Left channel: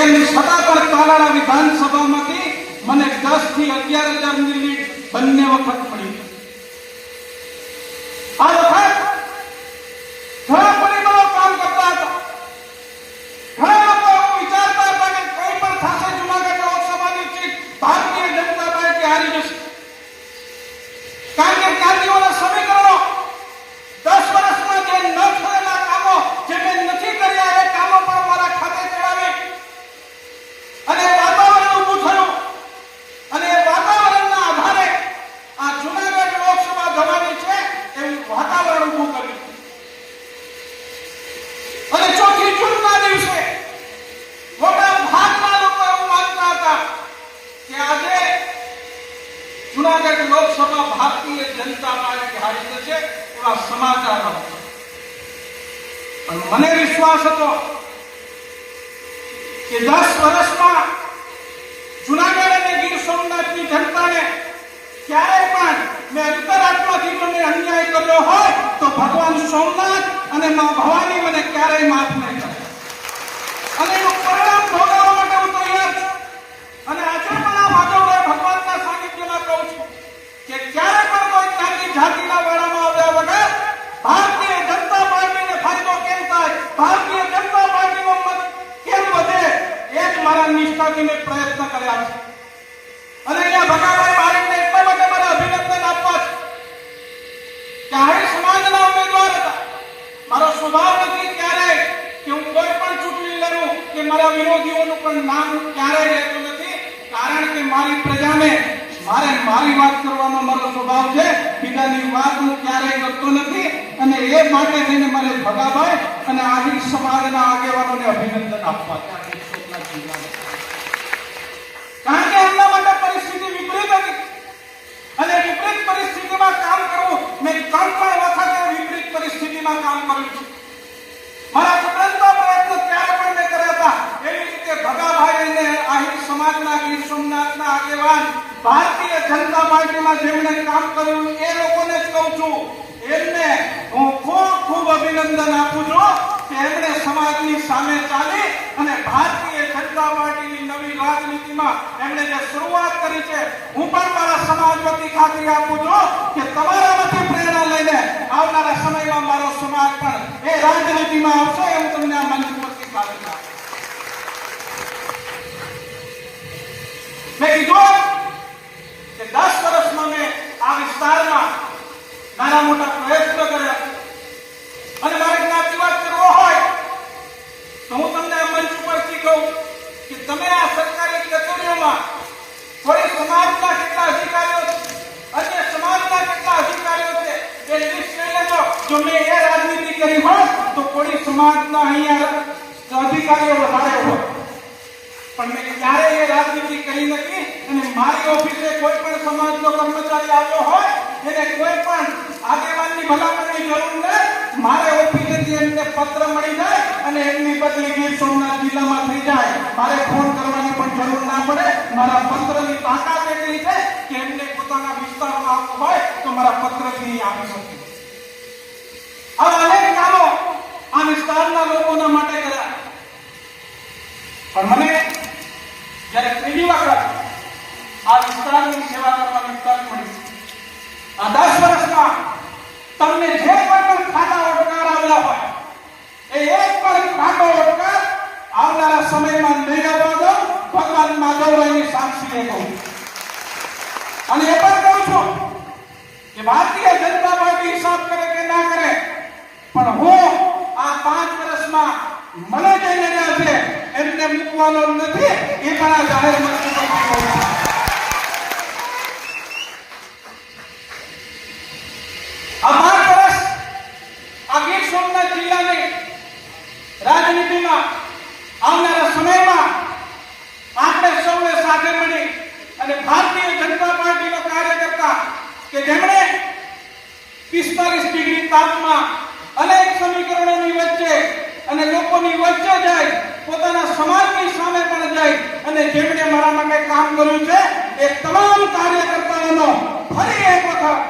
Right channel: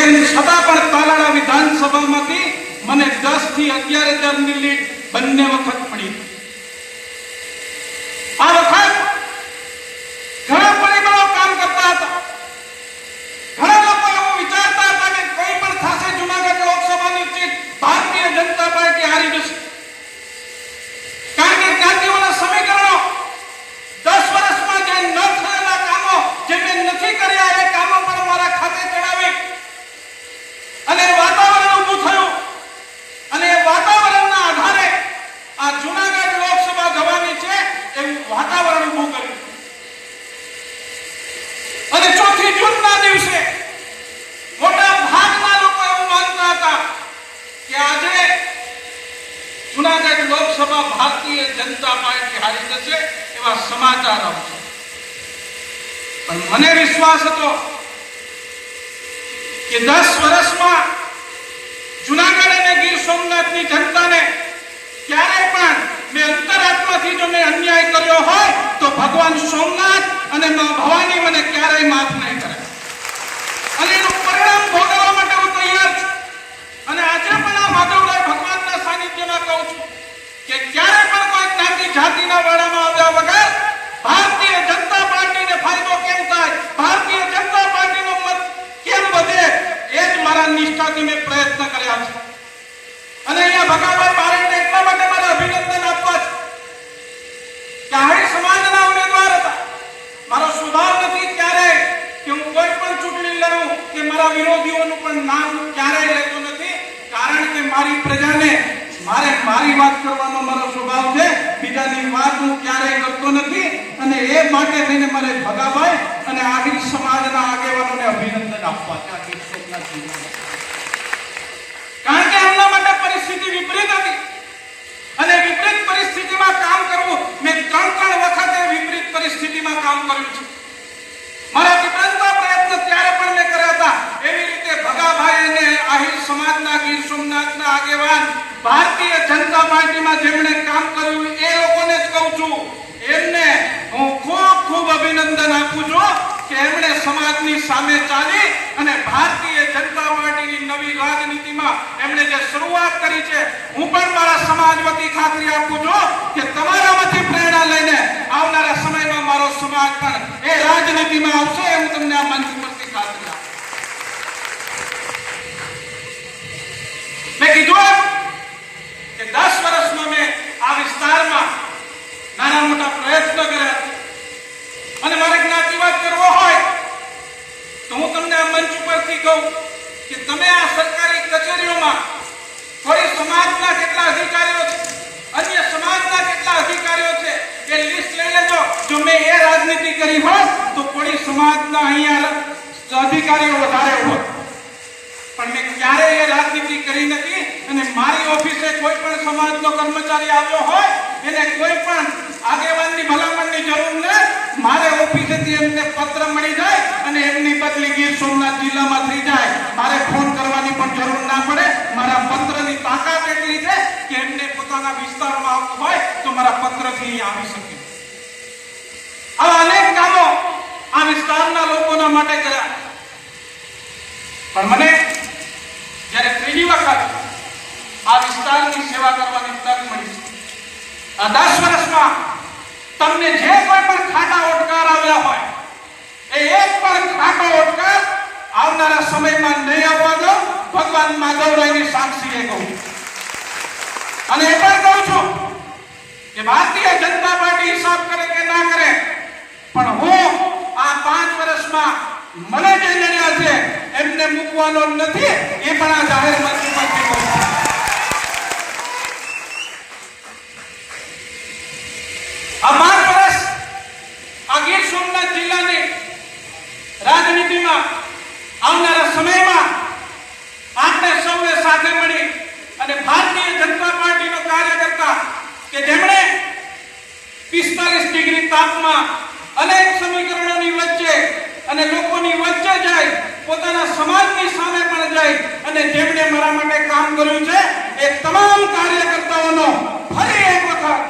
તેમ છતાં પણ તાલાળા વિધાનસભામાંથી મને 10 થી 11,000 ની લીડ બંને વખત મળી. આ વખત ઘણા પરિબળો કામ કરતા હતા. ઘણા લોકો એવું વિચારતા હતા કે કંઈ પણ થશે, જુનાગઢ લોકસભાની સીટ ભારતીય જનતા પાર્ટી હારી જશે. કારણ કે જ્ઞાતિઓના સમીકરણો 10 વર્ષમાં જે ન થયેલા કામો, જે મેં નથી કર્યા એ કામો પણ મારા ખાતે ચડાવી અને વાતાવરણ ઊભું થયું. અને એ વાતાવરણના આધારે આ જુનાગઢ લોકસભા જવાની છે એવું વાતાવરણ ઊભું કર્યું. અને 4 જૂનના દિવસે મોટા ભાગના લોકો એવું માનતા હતા કે આજે જુનાગઢ લોકસભા ભારતીય જનતા પાર્ટી હારી જશે એવા સમાચાર આવશે. પણ મને વિશ્વાસ હતો કે 10 વર્ષમાં જુનાગઢ અને ગીર સોમનાથની જનતાને ક્યારેય પણ મેં અંતરાત્માથી જો મેં અન્યાય કર્યો હોય તો ભગવાન સોમનાથ અને મા ભવાની મને ક્યારેય માફ નહીં કરે. અને એનું પરિણામ ભોગવવા માટે હું તૈયાર છું. અને આજે પણ આ માધવરાય ભગવાનના સાનિધ્યમાં કહું છું કે ક્યારે પણ કોઈ જ્ઞાતિ જાતિના વાડામાં આવ્યા વગર ભારતીય જનતા પાર્ટીને ફાયદો કેમ થાય, ભારતીય જનતા પાર્ટીનો મત કેમ વધે, એ જ મારા નિષ્ઠાથી મેં પ્રયત્ન કર્યા છે. અને અહીંયા ભગવાન બારીને એટલા માટે મારા અભિનંદન આપવા છે કે આહિર સમાજના ઉમેદવાર હતા. મારો સ્વભાવ નથી ક્યારેય કે હું કોઈ પણ ચૂંટણી લડું કે મારા વિરોધીઓનું પણ નામ ક્યારેય લેતો નથી. કારણ કે મારી પ્રજાને મારી વાત કરવાનો મારો સ્વભાવ છે. બીજાની વાત હું ક્યારેય કરતો નથી. અને એ માટે થઈને મારે ભગાભાઈ અને આહિર સમાજના આગેવાનોને અભિનંદન આપવા છે. કારણ કે એમના માટે પરિસ્થિતિ વિપરીત હતી અને વિપરીત પરિસ્થિતિમાં કામ કરવું, મેં 3 વખત વિપરીત પરિસ્થિતિમાં કામ કર્યું છે. મારા વિપરીતના પ્રયત્ન ત્યારે પણ મેં કર્યા હતા. એવી રીતે ભગાભાઈ અને આહિર સમાજના ગીર સોમનાથના આગેવાન ભારતીય જનતા પાર્ટીમાં જેમણે કામ કર્યું એ લોકોને જ કહું છું, એમને હું ખૂબ અભિનંદન આપું છું કે એમણે સમાજની સામે ચાલી અને ભારતીય જનતા પાર્ટીની નવી રાજનીતિમાં એમણે જે શરૂઆત કરી છે. હું પણ મારા સમાજ વતી ખાતરી આપું છું કે તમારામાંથી પ્રેરણા લઈને આવનારા સમયમાં મારો સમાજ પણ એ રાજનીતિમાં આવશે. હું તમને આ મંચ પરથી ખાતરી આપું. મેં કીધું કે 10 વર્ષમાં મેં આ વિસ્તારમાં નાના મોટા પ્રયત્નો કર્યા. અને મારે જ્ઞાતિવાદ કરવો હોય તો હું તમને આ મંચ ઉપરથી કહું કે તમે આ સરકારી કચેરીઓમાં થોડી સમાજના કેટલા અધિકારીઓ છે, અન્ય સમાજના કેટલા અધિકારીઓ છે એ લિસ્ટ લઈ લેજો. જો મેં એ રાજનીતિ કરી હોત તો થોડી સમાજના અહીંયા અધિકારીઓ વધારે હોત. પણ મેં ક્યારેય એ રાજનીતિ કરી નથી. અને મારી ઓફિસે કોઈ પણ સમાજનો કર્મચારી આવ્યો હોય એને કોઈ પણ આગેવાનની ભલામણની જરૂર નથી. મારે ઓફિસેથી એમને પત્ર મળી જાય અને એમની બદલી ગીર સોમનાથ જિલ્લામાં થઈ જાય. મારે ફોન કરવાની પણ જરૂર ના પડે. મારા પત્રની તાકાત એટલી છે કે એમને પોતાના વિસ્તારમાં આવવું હોય તો મારા પત્રથી આવી શકે. આવા અનેક કામો આ વિસ્તારના લોકોના માટે કર્યા. પણ મને જ્યારે ત્રીજી વખત આ વિસ્તારની સેવા કરવાની તક મળી, આ 10 વર્ષમાં તમને જે કોઈ પણ ખાટા ઓડકાર આવ્યા હોય એ એક પણ ખાટો ઓડકાર આવનારા સમયમાં નહીં આવવા દો. ભગવાન માધવરાયની સાક્ષીએ કહું. અને એ પણ કહું છું કે ભારતીય જનતા પાર્ટી હિસાબ કરે કે ના કરે, પણ હું આ 5 વર્ષમાં મને જે મળ્યા છે એમને મૂકવાનો નથી. એ પણ આ જાહેર મંચ પરથી કહું છું. આ 5 વર્ષ આ ગીર સોમનાથ જિલ્લાની રાજનીતિમાં આવનારા સમયમાં આપણે સૌને સાથે મળી અને ભારતીય જનતા પાર્ટીનો કાર્યકર્તા કે જેમણે 45 ડિગ્રી તાપમાં અનેક સમીકરણોની વચ્ચે અને લોકોની વચ્ચે જાય, પોતાના સમાજની સામે પણ જાય અને જેમણે મારા માટે કામ કર્યું છે એ તમામ કાર્યકર્તાઓનો ફરી એક વખત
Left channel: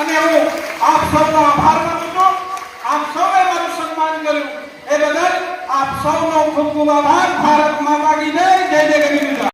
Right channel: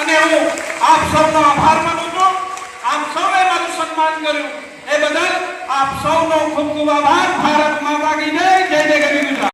અને હું આપ સૌનો આભાર માનું છું. આપ સૌએ મારું સન્માન કર્યું એ બદલ આપ સૌનો ખૂબ ખૂબ આભાર. ભારત માતા કી જય.